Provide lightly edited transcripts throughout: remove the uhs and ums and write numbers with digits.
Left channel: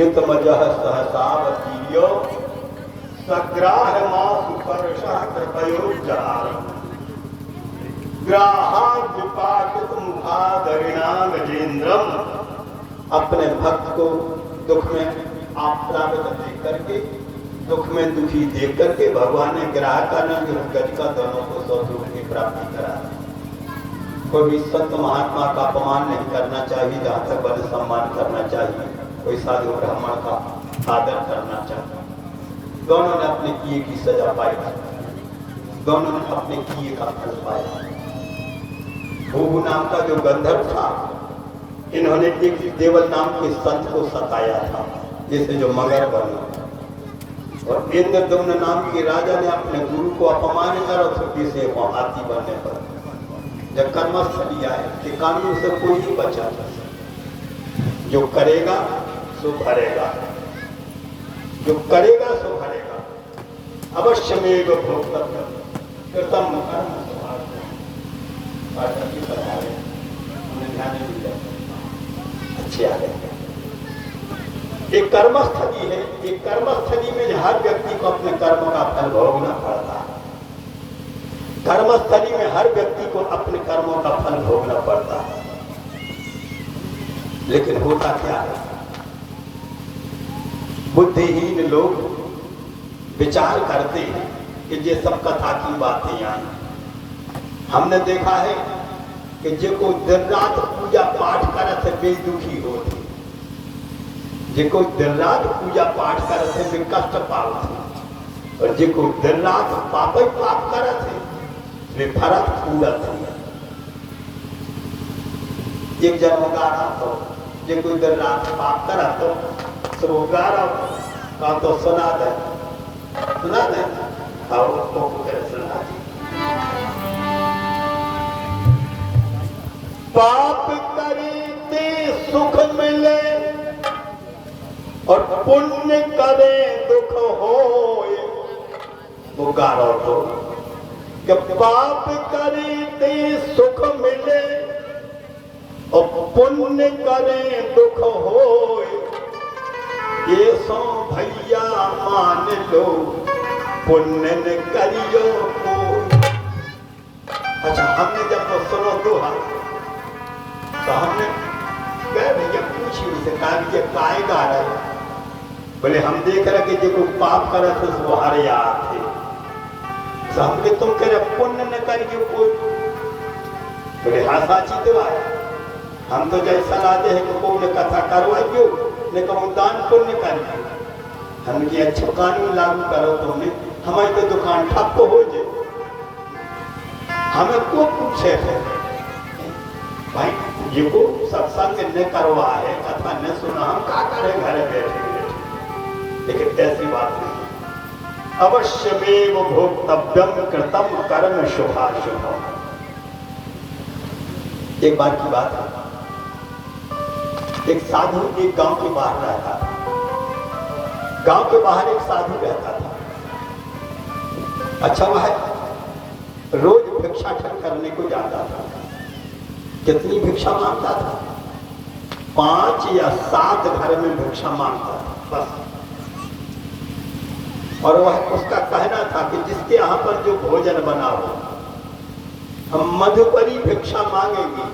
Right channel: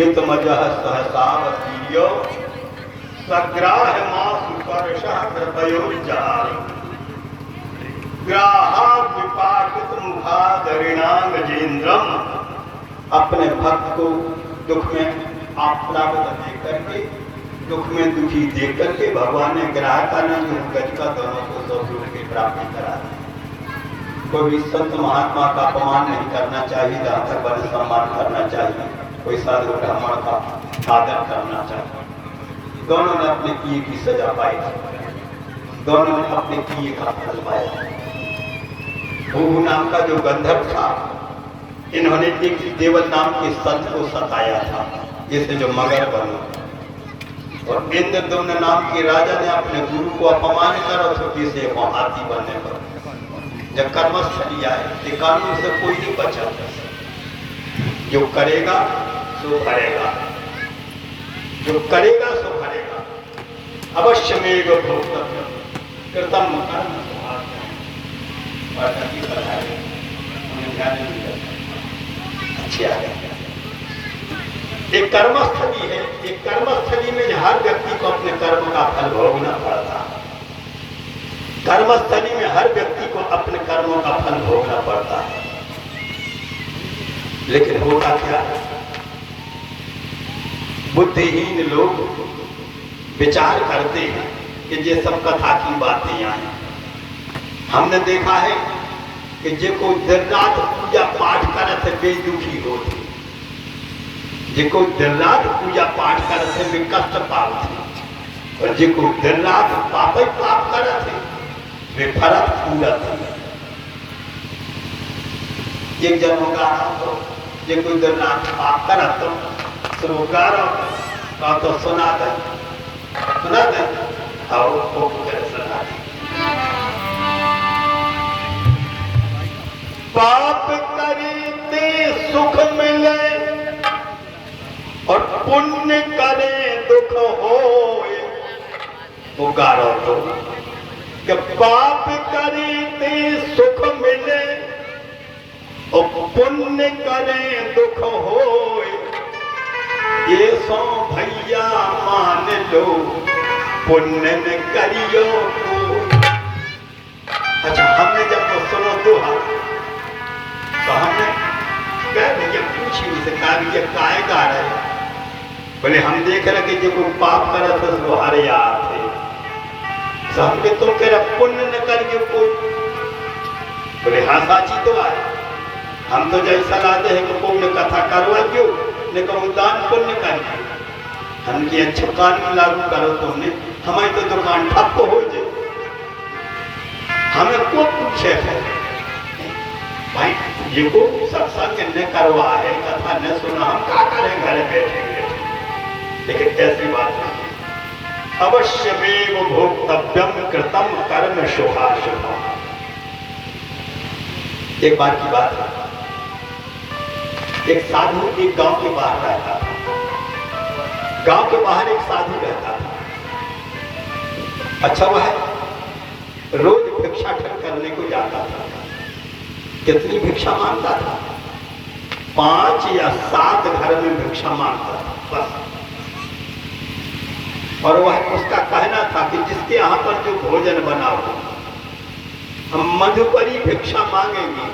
पीड़ित मजह सहसावतीर्यो सग्राह मासु कर्षः कृपयोर्जहार ग्राहार विपाटित मुखादरिणांग गजेंद्रम। अपने भक्त को दुख में आप प्राप्त देख करके, दुख में दुखी देख करके भगवान ने ग्राह का नाम गज का दोनों को सौभाग्य की प्राप्ति करा। कोई भी संत महात्मा का अपमान नहीं करना चाहिए, जहाँ तक वन सम्मान करना चाहिए, कोई साधु ब्राह्मण का आदर करना चाहिए। दोनों ने अपने किए की सजा पाई, दोनों ने अपने किए का फल पाया। भूहू नाम का जो गंधर्व था, इन्होंने एक देवल नाम के संत को सताया था, जिससे जो मगर बना। और इंद्रदुम्न नाम के राजा ने अपने गुरु को अपमान कर छुट्टी से हाथी बनने पर जब कर्मस्थली आए कि कानून से कोई नहीं बचा, जो करेगा सो भरेगा, जो करेगा सो भरेगा। अवश्य में भोक्तव्य कृतम कर्म अच्छे आ गए। एक कर्मस्थली है, एक कर्मस्थली में हर व्यक्ति को अपने कर्म का फल भोगना पड़ता है। कर्मस्थली में हर व्यक्ति को अपने कर्मों का फल भोगना पड़ता है। लेकिन होता क्या है, बुद्धिहीन लोग विचार करते हैं कि ये सब कथा की बातें आई। हमने देखा है कि जिनको दिन रात पूजा पाठ करते वे दुखी होते, जिनको दिन रात पूजा पाठ करते वे कष्ट पाते, और जिनको दिन रात पाप ही पाप करते वे फरक पूरत है। एक जन होगा तो जिनको दिन रात पाप करा तो सुना दे और सुना दे। पाप करते सुख मिले और पुण्य करे दुख होए। वो गारो तो कि पाप करते सुख मिले और पुण्य करे दुख होए। ये सो भैया मान लो पुण्य न करियो को। अच्छा, हमने जब सुनो दोहा तो हमने क्या भैया पूछी उसे काव्य काय गा रहे। बोले हम देख रहे कि जो पाप करे थे वो हारे याद थे। तो हमने तुम कह रहे पुण्य न करिए कोई। बोले हाँ साची तो आए। हम तो जैसा लाते हैं कि कोई ने कथा करवा क्यों ने कहूँ दान पुण्य करिए। हम की अच्छा कानून लागू करो तुमने, हमारी तो दुकान ठप हो जाए। हमें को पूछे है भाई, ये को सत्संग न करवा है, कथा न सुना, हम क्या करें घर बैठे। लेकिन ऐसी बात नहीं। अवश्यमेव भोक्तव्यम कृतम कर्म शुभाशुभम। एक बार की बात है, एक साधु एक गांव के बाहर रहता था। गांव के बाहर एक साधु रहता था। अच्छा, वह रोज भिक्षाटन करने को जाता था। कितनी भिक्षा मांगता था? 5 या 7 घर में भिक्षा मांगता था बस। और वह उसका कहना था कि जिसके यहाँ पर जो भोजन बना हो, हम मधुकरी भिक्षा मांगेंगे।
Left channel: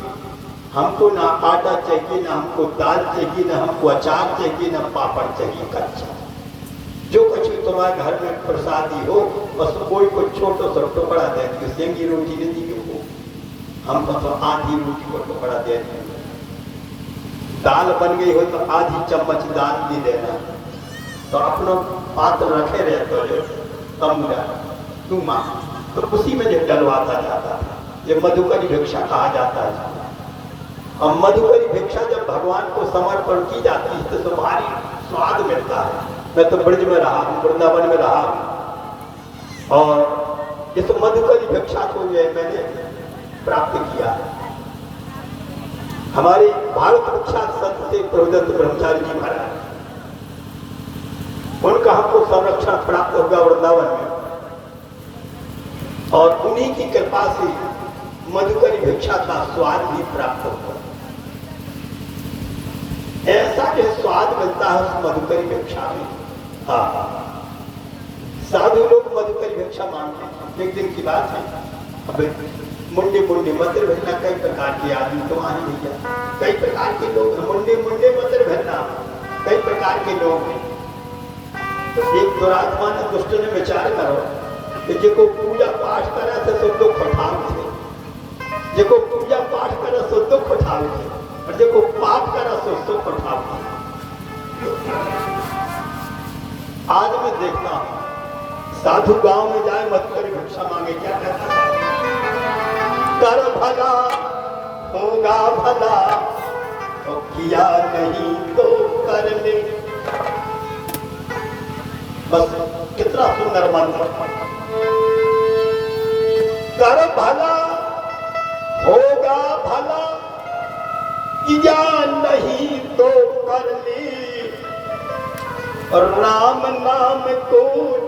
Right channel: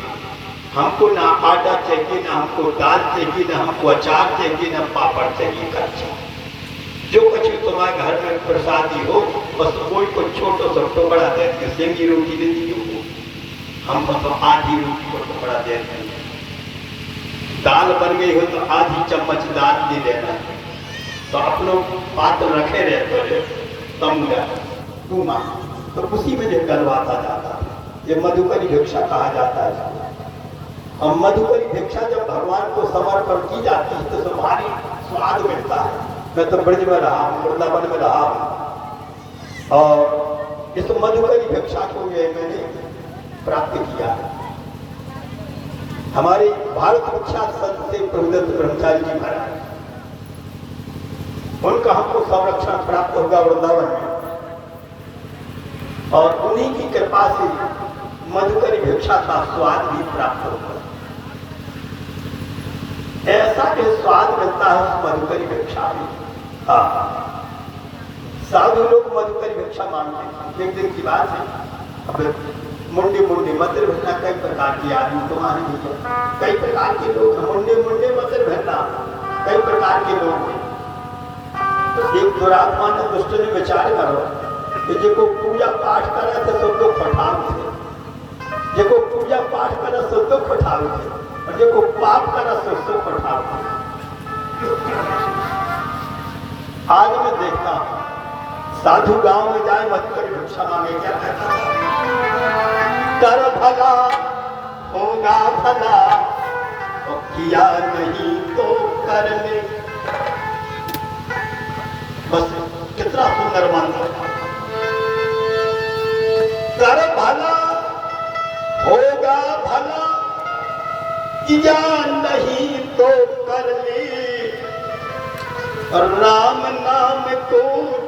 हमको ना आटा चाहिए, ना हमको दाल चाहिए, ना हमको अचार चाहिए, ना पापड़ चाहिए, कच्चा जो कुछ तुम्हारे घर में प्रसादी हो बस कोई को छोटा सा टुकड़ा दे दिए। सेंगी रोटी दे दी हम तो आधी रोटी को टुकड़ा दे देंगे। दाल बन गई हो तो आधी चम्मच दाल भी देना। तो अपने पात्र रखे रहे तो कम तू मां तो उसी में जो डलवाता जाता था। ये मधुकरी भिक्षा कहा जाता है। और मधुकरी भिक्षा जब भगवान को समर्पण की जाती है तो भारी स्वाद मिलता है। मैं तो ब्रज में रहा हूँ, वृंदावन में रहा हूँ, और इस मधुकरी भिक्षा को मैंने प्राप्त किया। हमारे भारत विख्यात संत थे प्रभुदत्त ब्रह्मचारी जी महाराज, उनका हमको संरक्षण प्राप्त होगा वृंदावन में, और उन्हीं की कृपा से मधुकरी भिक्षा का स्वाद भी प्राप्त होगा। ऐसा जो स्वाद मिलता है उस मधुकरी भिक्षा में। हाँ, साधु लोग मधुकरी भिक्षा मांगते हैं। एक दिन की बात है, अब मुंडे मंदिर भरना, कई प्रकार के आदमी तो वहां भैया, कई प्रकार के लोग हैं। मुंडे मंदिर भरना, कई प्रकार के लोग हैं। तो एक दुरात्मा ने दुष्ट ने विचार करो कि जो पूजा पाठ करे थे तो दुख उठावे थे, जो पूजा पाठ करे तो दुख उठावे थे, और जो पाप करे तो सुख उठावे थे। आज मैं देखता हूं साधु गांव में जाए मधुकरी भिक्षा मांगे, क्या कहता है? कर भला होगा भला, तो किया नहीं तो कर ले। बस कितना सुंदर मंत्र। कर भला होगा भला, किया नहीं तो कर ले, और राम नाम को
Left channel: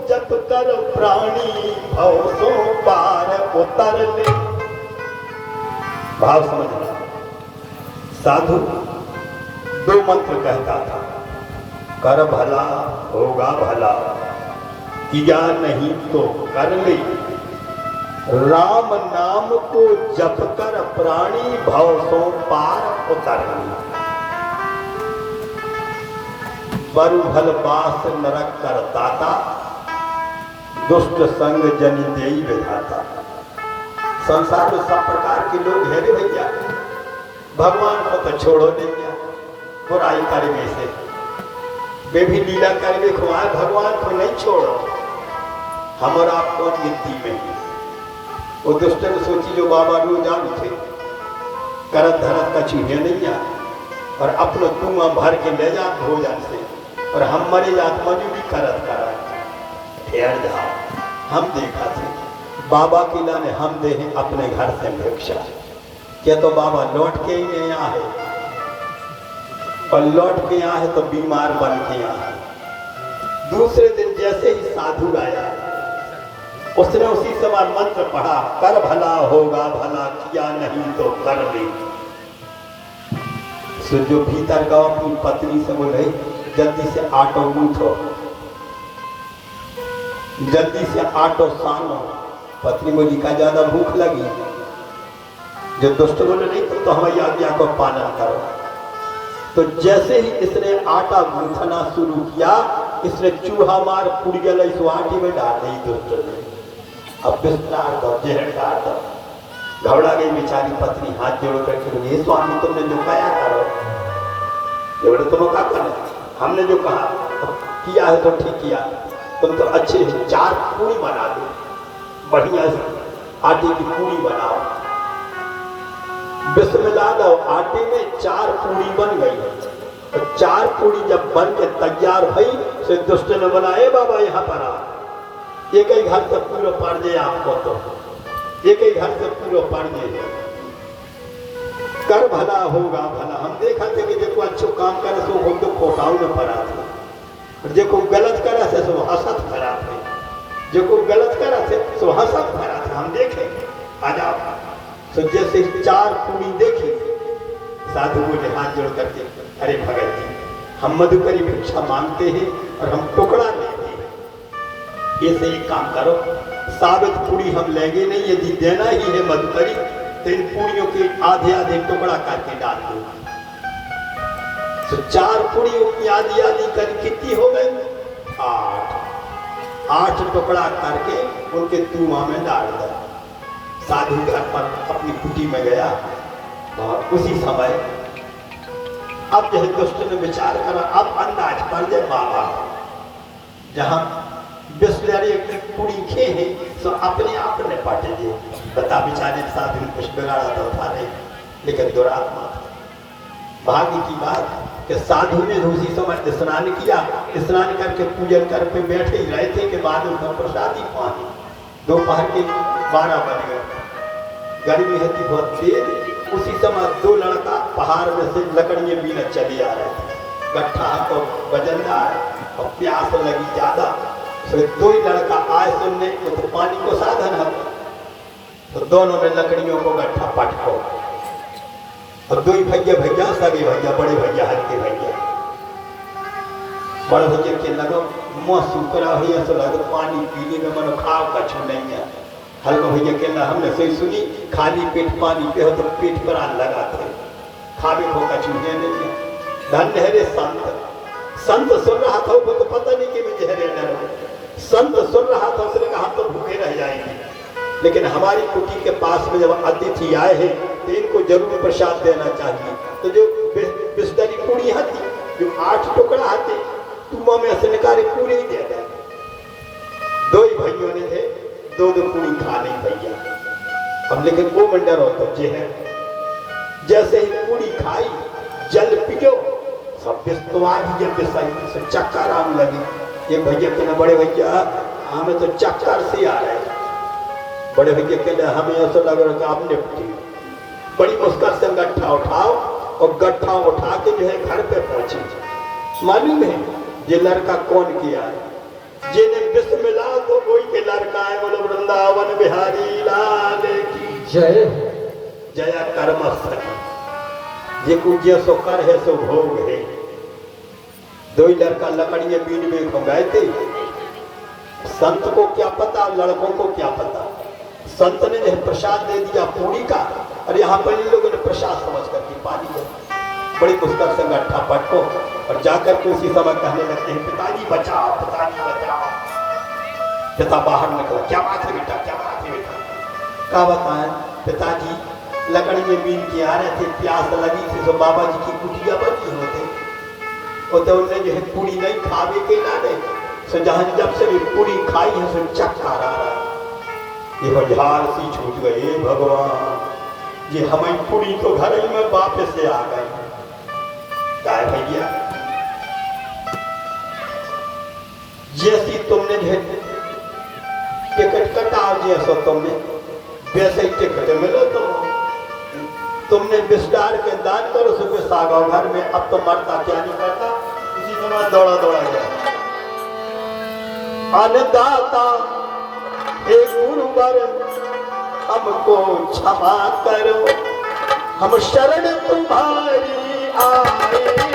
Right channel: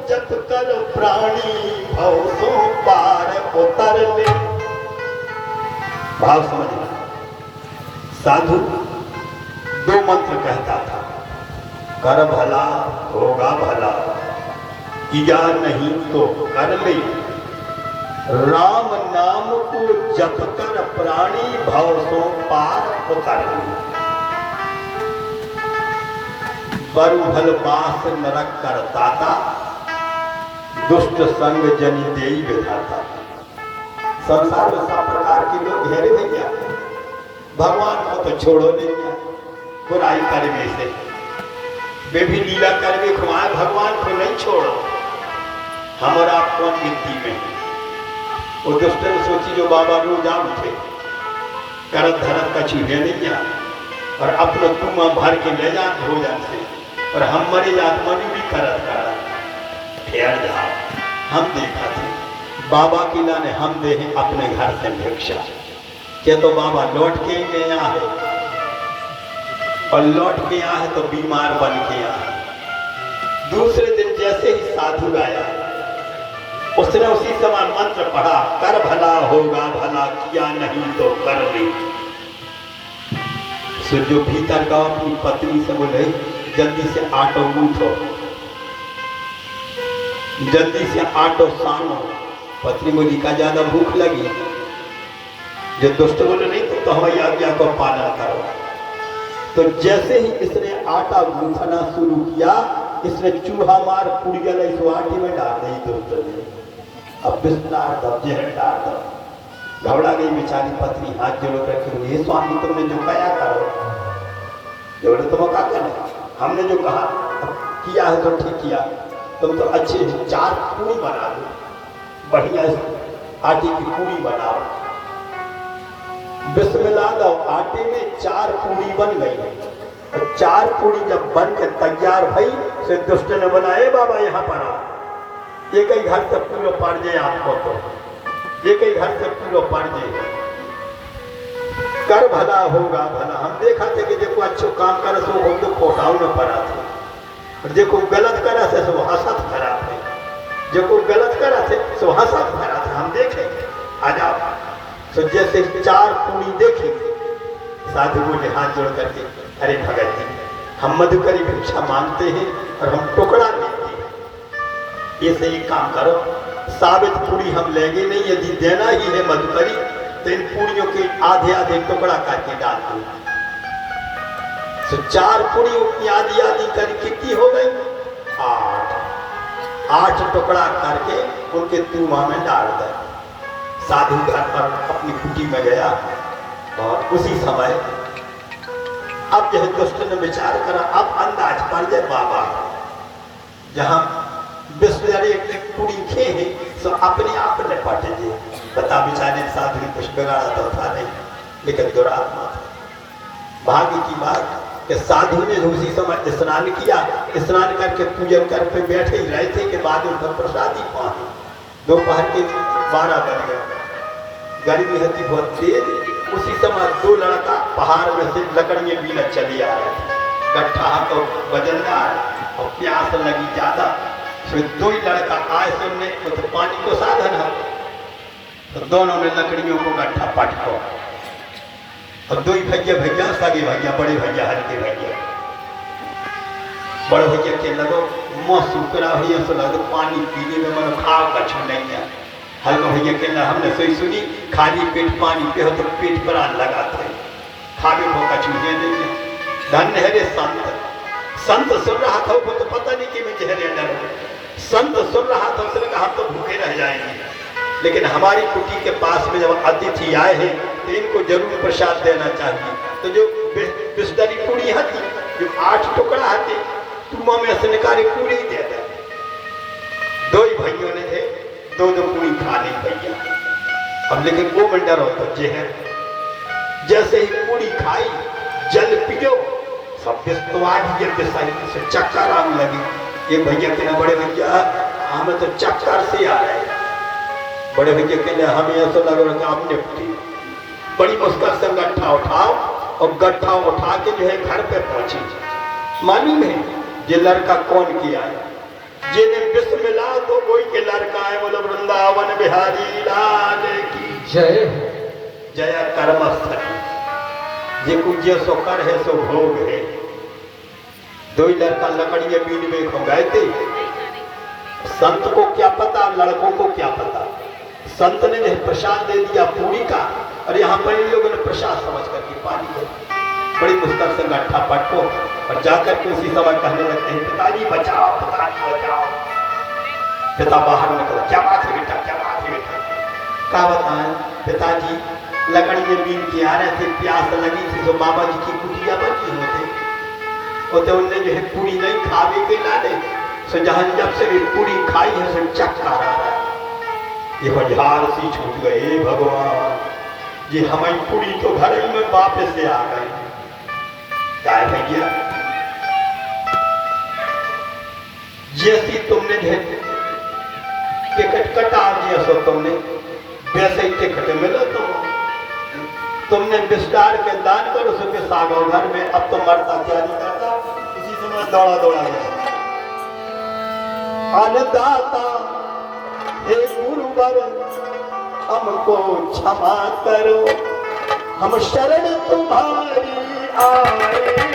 जप कर प्राणी भव सो पार उतर ले। भाव समझना। साधु दो मंत्र कहता था, कर भला होगा भला, किया नहीं तो कर ले, राम नाम को जप कर प्राणी भव सो पार उतर ले। बरु भल बास नरक कर दाता, दुष्ट संग जनि देई विधाता। संसार में सब प्रकार के लोग घेरे भैया, भगवान को तो छोड़ो नहीं, बुराई करने से वे भी लीला करके खुआए, भगवान को नहीं छोड़ो। हमारा आपको गिनती में वो दुष्ट ने सोची जो बाबा रोज आम थे, करत धरत का चूहे नहीं आ, और अपना कुआं भर के ले जा भोजन से, और हम मरे जात मरी भी करत ठहर जाओ। हम देखा थे बाबा की लाने हम दे हैं अपने घर से भिक्षा, क्या तो बाबा लौट के ही नहीं आया है, और लौट के आया है तो बीमार बन के आया है। दूसरे दिन जैसे ही साधु आया, उसने उसी समय मंत्र पढ़ा, कर भला होगा भला, किया नहीं तो कर ले। सो जो भीतर का अपनी पत्नी से बोले, जल्दी से आटो गूंथो, जल्दी से आटो सानो। पत्नी बोली का ज्यादा भूख लगी। जो दुष्ट बोले नहीं तो हमारी आज्ञा को पालन करो। तो जैसे ही इसने आटा गूंथना शुरू किया, इसने चूहा मार पुड़ी गल इस आटे में डाल दी दुष्ट ने। अब बिस्तर दो, जहर डाल दो। घबरा गई बेचारी पत्नी, हाथ जोड़ करके, ये स्वामी तुमने जो कहा करो, बोले तुम क्या करना, हमने जो कहा किया है तो ठीक किया, तुम तो अच्छे 4 पूरी बना दो, बढ़िया आटे की पूरी बनाओ। बिस्मिल्लाह लो, आटे में 4 पूरी बन गई, और 4 पूरी जब बन के तैयार भई, तो दुष्ट ने बोला, ए बाबा यहाँ पर आओ, एक ही घर से पूरा पड़ जाए आपको, तो एक ही घर से पूरा पड़ जाए। कर भला होगा भला। हम देखा थे कि देखो अच्छो काम करे सो हम तो खोटाऊ न पड़ा थे, और देखो गलत करा थे सो हसत भरा थे, देखो गलत करा थे सो हसत भरा थे। हम देखे आ जाओ। तो जैसे 4 पूरी देखी, साधु बोले हाथ जोड़ करके, अरे भगत जी, हम मधुकरी भिक्षा मांगते हैं और हम टुकड़ा लेते हैं, ये से एक काम करो, साबित पूरी हम लेंगे नहीं, यदि देना ही है मधुकरी तो इन पूरियों के आधे आधे टुकड़ा करके डाल दो। तो 4 पूरियों की आधी आधी कर कितनी हो गई? 8 टुकड़ा करके उनके कुआं में डाल दे। साधु घर पर अपनी कुटी में गया, और उसी समय अब यह दुष्ट ने विचार करा, अब अंदाज पड़ जाए बाबा जहां बिस्मिल्लाह एक पूरी खे है तो अपने आप ने पट जाए। बता बेचारे साधु कुछ बिगाड़ा तो था नहीं, लेकिन दुरात्मा भाग्य की बात कि साधु ने उसी समय स्नान किया, स्नान करके पूजन करके बैठे ही रहे थे कि बाद में प्रसादी पानी। दोपहर के 12 बज गए, गर्मी है बहुत तेज। उसी समय 2 लड़का पहाड़ में से लकड़ियां बीना चले आ रहे थे, गट्ठा तो वजनदार और प्यास लगी ज्यादा। फिर 2 ही लड़का आए सुनने तो पानी को साधन है, तो दोनों ने लकड़ियों को गट्ठा पटको, और दो ही भैया सगे भैया, बड़े भैया हल्के भैया। बड़े भैया के लगो मुँह सूखना भैया से लगो पानी पीने में मन खाओ कछु नहीं है। हल्के भैया के ना हमने सही सुनी, खाली पेट पानी पे हो तो पेट पर आन लगाते खावे को कछु नहीं है। धन्य है रे संत, संत सुन रहा था वो तो पता नहीं कि मुझे हरे डर, संत सुन रहा था उसने कहा हम तो भूखे रह जाएंगे, लेकिन हमारी कुटी के पास में जब अतिथि आए हैं तो इनको जरूर प्रसाद देना चाहिए। तो जो बिस्दरी पूरी हती, जो 8 टुकड़ा हती, तुम में से निकाले पूरी ही दे दे। दो ही भाइयों ने थे, दो पूरी खा ली भैया। अब लेकिन वो मंडर होता जे है, जैसे ही पूरी खाई जल पियो सब से चक्कर आने लगी। ये भैया कहने बड़े भैया हमें तो चक्कर से आ रहे हैं। बड़े भैया कहने हमें ऐसा लग रहा है आपने बड़ी मुश्किल से गट्ठा उठाओ और गट्ठा उठा के जो है घर पे पहुंची। मालूम है ये लड़का कौन किया है? जिन्हें विश्व मिला तो कोई के लड़का है, बोलो वृंदावन बिहारी लाल की जय। जय कर्मस्थली ये कुछ सो कर है सो भोग है। दो ही लड़का लकड़ियां बीन में खो गए थे। संत को क्या पता, लड़कों को क्या पता। संत ने जो प्रसाद दे दिया पूरी का, और यहाँ पर इन लोगों ने प्रसाद समझ करके पानी को बड़ी मुश्किल से गट्ठा पटको और जाकर के उसी समय कहने लगते हैं पिताजी बचाओ, पिताजी बचाओ। पिता बाहर निकला, क्या बात है बेटा, क्या बात है बेटा? क्या बताएं पिताजी, लकड़ी में बीन के आ रहे थे, प्यास लगी थी तो बाबा जी की कुटिया बची होते तो उनने जो है पूरी नहीं खावे के लाने सो जहां जब से भी पूरी खाई है सो चक्कर आ रहा है। ये हजार सी छूट गए भगवान जी, हमारी पूरी तो घर ही में वापस से आ गए। क्या भैया जैसी तुमने टिकट कटा जैसा तुमने वैसे ही टिकट मिलो तुमने विस्तार के दान करो सुबह सागो घर में। अब तो मरता क्या नहीं करता, इसी समय दौड़ा दौड़ा गया। अन्नदाता हे गुरुवर हमको क्षमा करो, हम शरण तुम्हारी आए हैं।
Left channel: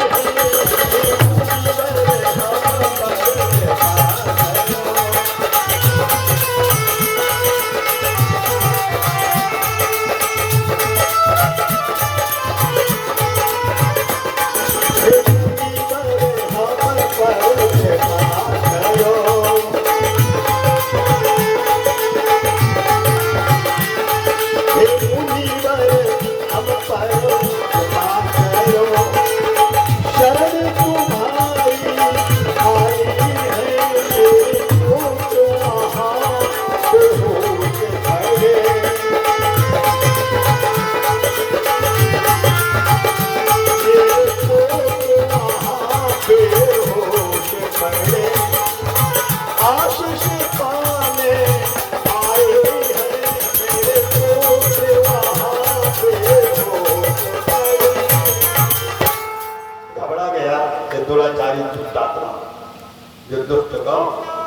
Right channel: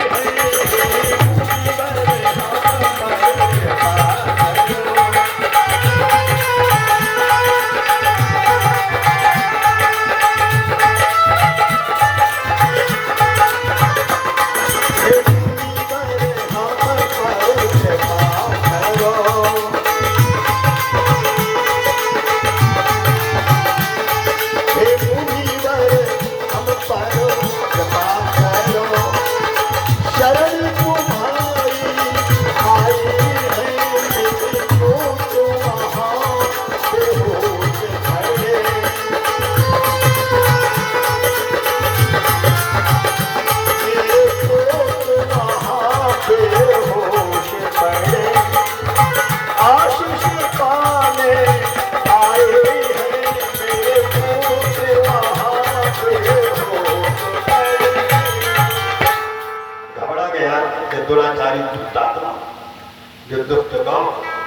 जो दुष्ट गांव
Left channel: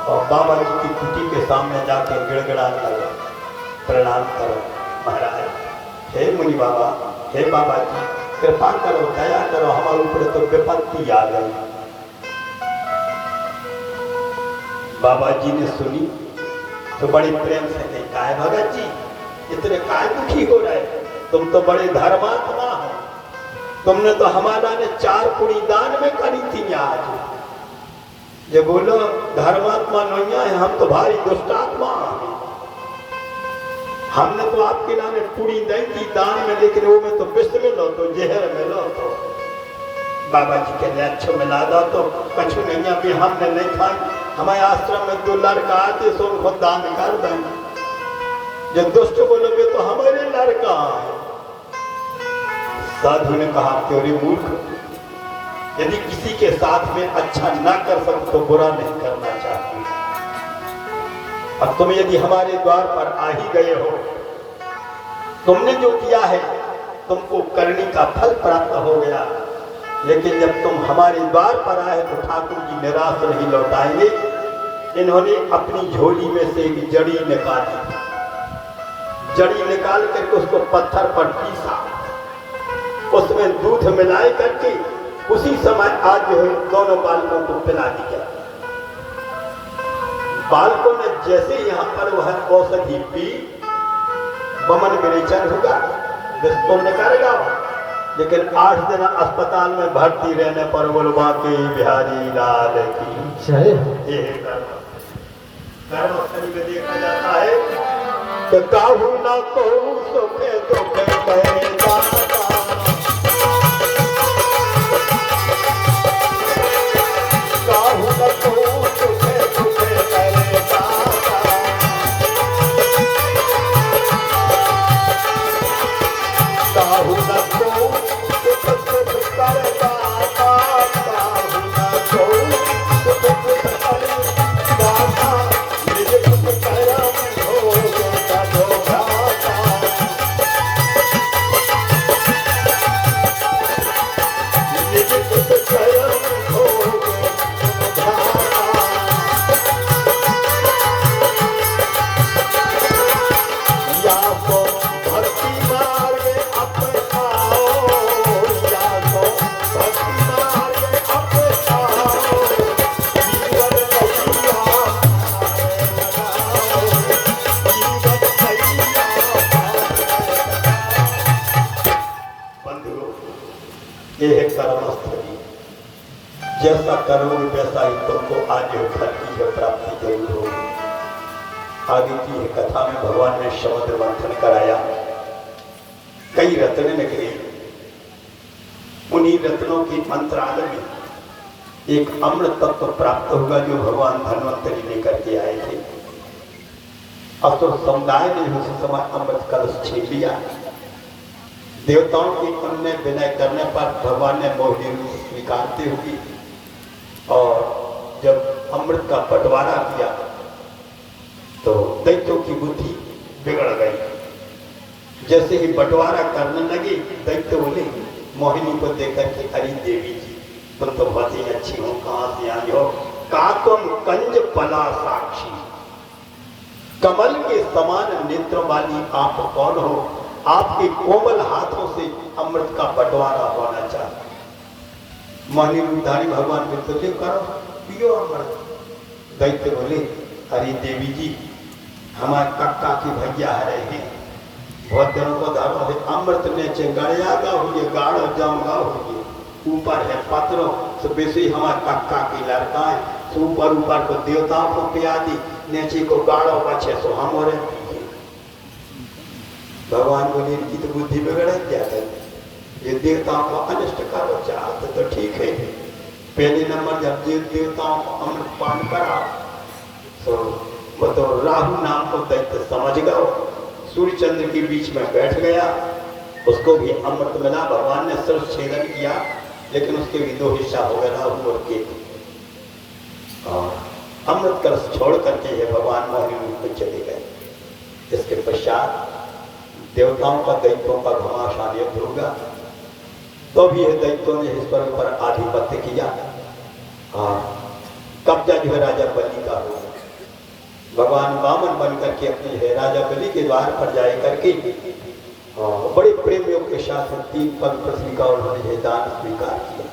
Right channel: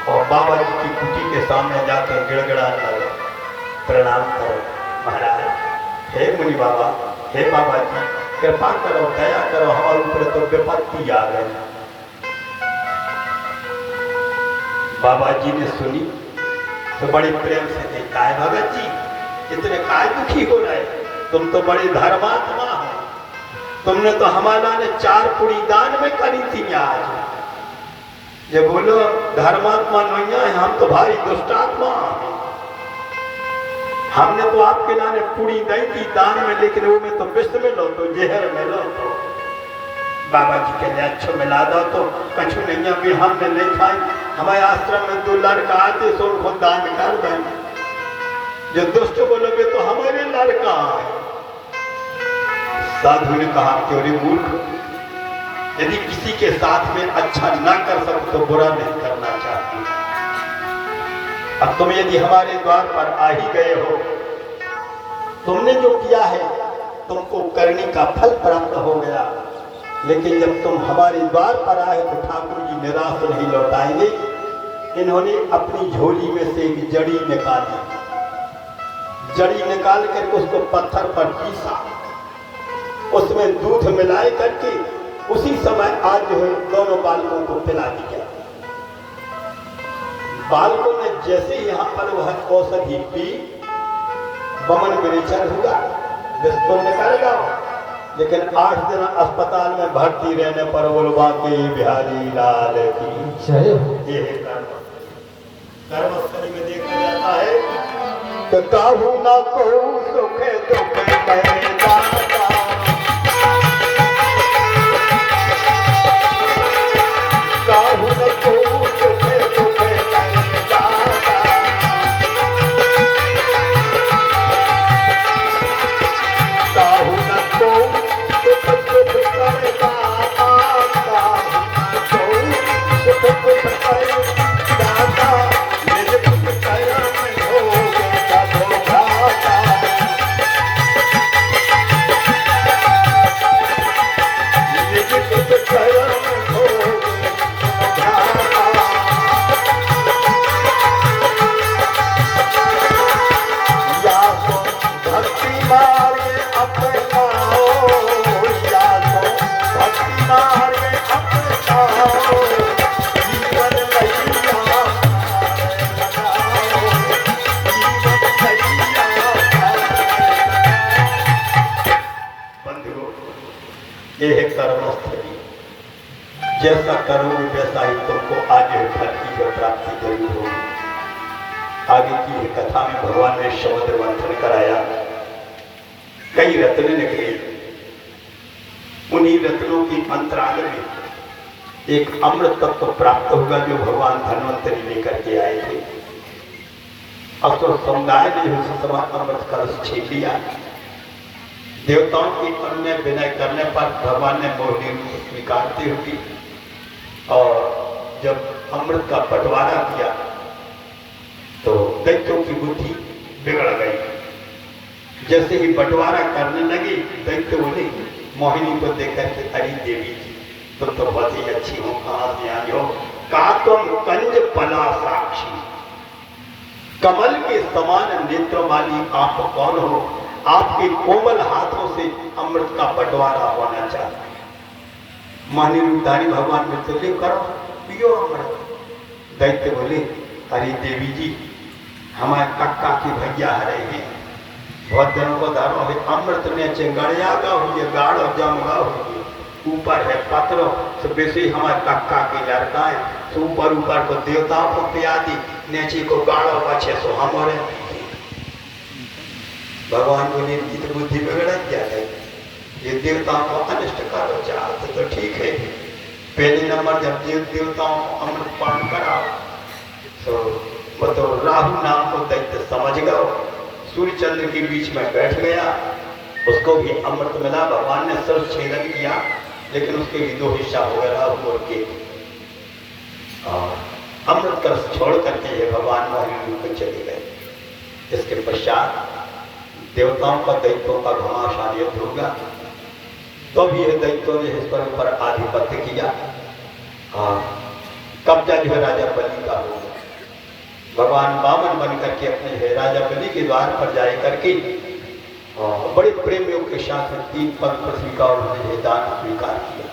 और बाबा जी की कुटी के सामने जाकर गिड़गिड़ाने लगे, प्रणाम करो महाराज, हे मुनि बाबा, हे बाबा जी कृपा करो, दया करो, हमारे ऊपर तो विपत्ति आ गई। बाबा जी ने सुनी तो बड़े प्रेम से कही, काय भगत जी इतने काय दुखी हो रहे, तुम तो बड़े धर्मात्मा हो, तुमने तो हमारा ने 4 पुड़ी दान में करी थी। आज ये बोलो धर्मात्मा नहीं है, हम तो भारी दुष्टात्मा। हमने तो आपके लाने पूरी नहीं थी दान में, लेकिन वो में तो विष में लो तो जहर में लो तो। बाबा जी कहते अच्छो मिला दो तो कछु नहीं, अभी हमने नहीं खाई, हमारे आश्रम में 2 लड़का आते सो उनको दान कर दें। जो दुष्ट बोले वे तो हमारे लड़का। साधु ने कहा क्यों मूर्ख, यदि किसी के साथ में अच्छा ना कर सको तो बुरा नहीं करना चाहिए। अब तुम यदि हमारे द्वार पर आ ही गए हो, तुमने जो किया है तुमको करने का फल प्राप्त हो गया, लेकिन जब तुम हमारे द्वार पर आए तो ठाकुर जी निराश नहीं लौटाएंगे। इन्होंने अपनी झोली में से एक जड़ी निकाली, जड़ी निकाल करके उसको पत्थर पर पीसा उसमें दूध मिलाई करके उसी समय आज जो है दोनों बालकों को पिला दिया। बालकों ने जैसे यहाँ पर वह औषधि पी, बमन विरेचन होगा, विस्फोट निकालेगा, लेकिन 8 दिन अस्पताल में भर्ती रहने पर बोलवा के बिहारी लाल की ये कर्मस्थली में देखा जाता है तो काहू ना को सुखे दुखे ये है कर्मस्थली। जैसा करोगे वैसा ही तुमको आज फल की जो प्राप्ति जरूर होगी। आगे की है कथा में भगवान ने शब्द मंथन कराया, कई रत्न निकले, उन्हीं रत्नों की अंतराल में एक अमृत तत्व प्राप्त होगा जो भगवान धन्वंतरी लेकर के आए थे। असुर समुदाय ने उस समय अमृत कलश छीन लिया। देवताओं की अन्य विनय करने पर भगवान ने मोहिनी रूप स्वीकारते हुए और जब अमृत का बंटवारा किया तो दैत्यों की बुद्धि बिगड़ गई। जैसे ही बंटवारा करने लगे दैत्य बोले मोहिनी को देखकर के अरे देवी जी तुम तो बहुत ही अच्छी हो, कहाँ से आई हो? का तुम कंज पला साक्षी, कमल के समान नेत्र वाली आप कौन हो? आपके कोमल हाथों से अमृत का बंटवारा होना चाहिए। मोहिनी रूपधारी भगवान बोलते करो पियो अमृत। दैत्य बोले अरे देवी जी हमारे कक्का के भैया रहे हैं, बहुत दिनों को धरो है अमृत ने गड़ियागा हुई गाढ़ जमगा हुई, ऊपर है पत्रों तो वैसे हमारे कक्का के लड़का है तो ऊपर को देवताओं को पिया दी, नीचे को गाढ़ो पछे सो हम और भगवान बोले इनकी तो बुद्धि बिगड़ा क्या है, ये देवताओं को अनिष्ट करो चाहते तो ठीक है। पहले नंबर जब देवताओं को अमृत पान कराओ तो बताओ राहु नाम को दैत्य समझ गए, सूर्य चंद्र के बीच में बैठ गया, उसको भी अमृत मिला। भगवान ने सर्व छेदन किया लेकिन उसके भी 2 हिस्सा हो गया राहु और केतु। और अमृत कलश छोड़ करके ये भगवान मोहिनी रूप में चले गए। इसके पश्चात देवताओं का दैत्यों का घमासान युद्ध हो गया, तो भी यह दैत्यों ने इस पर ऊपर आधिपत्य किया और कब्जा जो है राजा बलि का हो। भगवान वामन बन करके अपने राजा बलि के द्वार पर जाए करके और बड़े प्रेम योग के साथ 3 पद पृथ्वी का उन्होंने दान स्वीकार किया।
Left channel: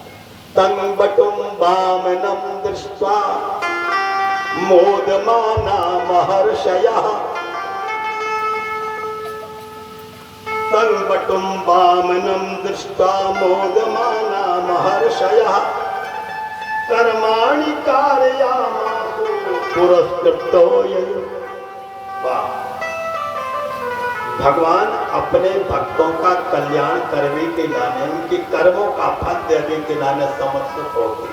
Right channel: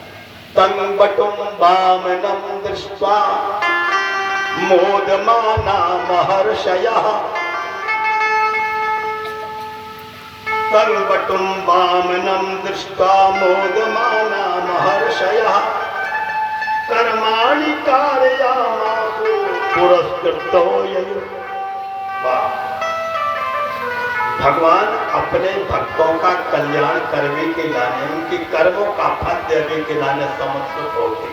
तंग बटुम वामनम दृष्ट्वा मोदमाना महर्षयः, तंगबटुम वामनम दृष्ट्वा मोदमाना महर्षयः, कर्माणि कारयामासु पुरस्कृतो ययि। भगवान अपने भक्तों का कल्याण करने के लाने, उनके कर्मों का फल देने के लाने समर्पित हो गए।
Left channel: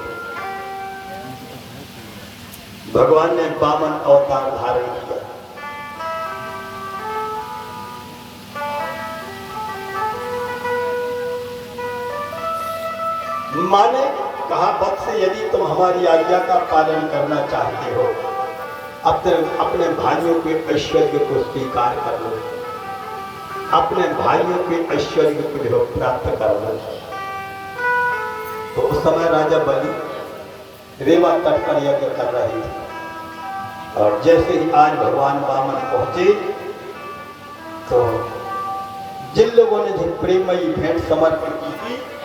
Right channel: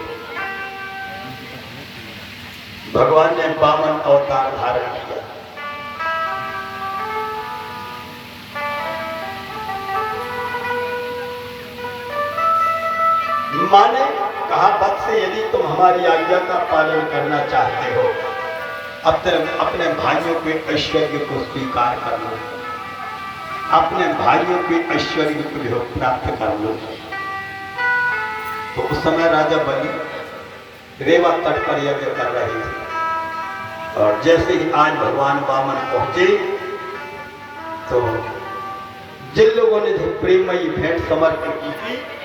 भगवान ने वामन अवतार धारण किया। माने कहा भक्त से यदि तुम हमारी आज्ञा का पालन करना चाहते हो अपने भाइयों के ऐश्वर्य को स्वीकार कर लो, अपने भाइयों के ऐश्वर्य को जो प्राप्त कर लो। तो उस समय राजा बलि रेवा तट पर यज्ञ कर रहे थे और जैसे ही आज भगवान वामन पहुंचे तो जिन लोगों ने जो प्रेमयी भेंट समर्पित की थी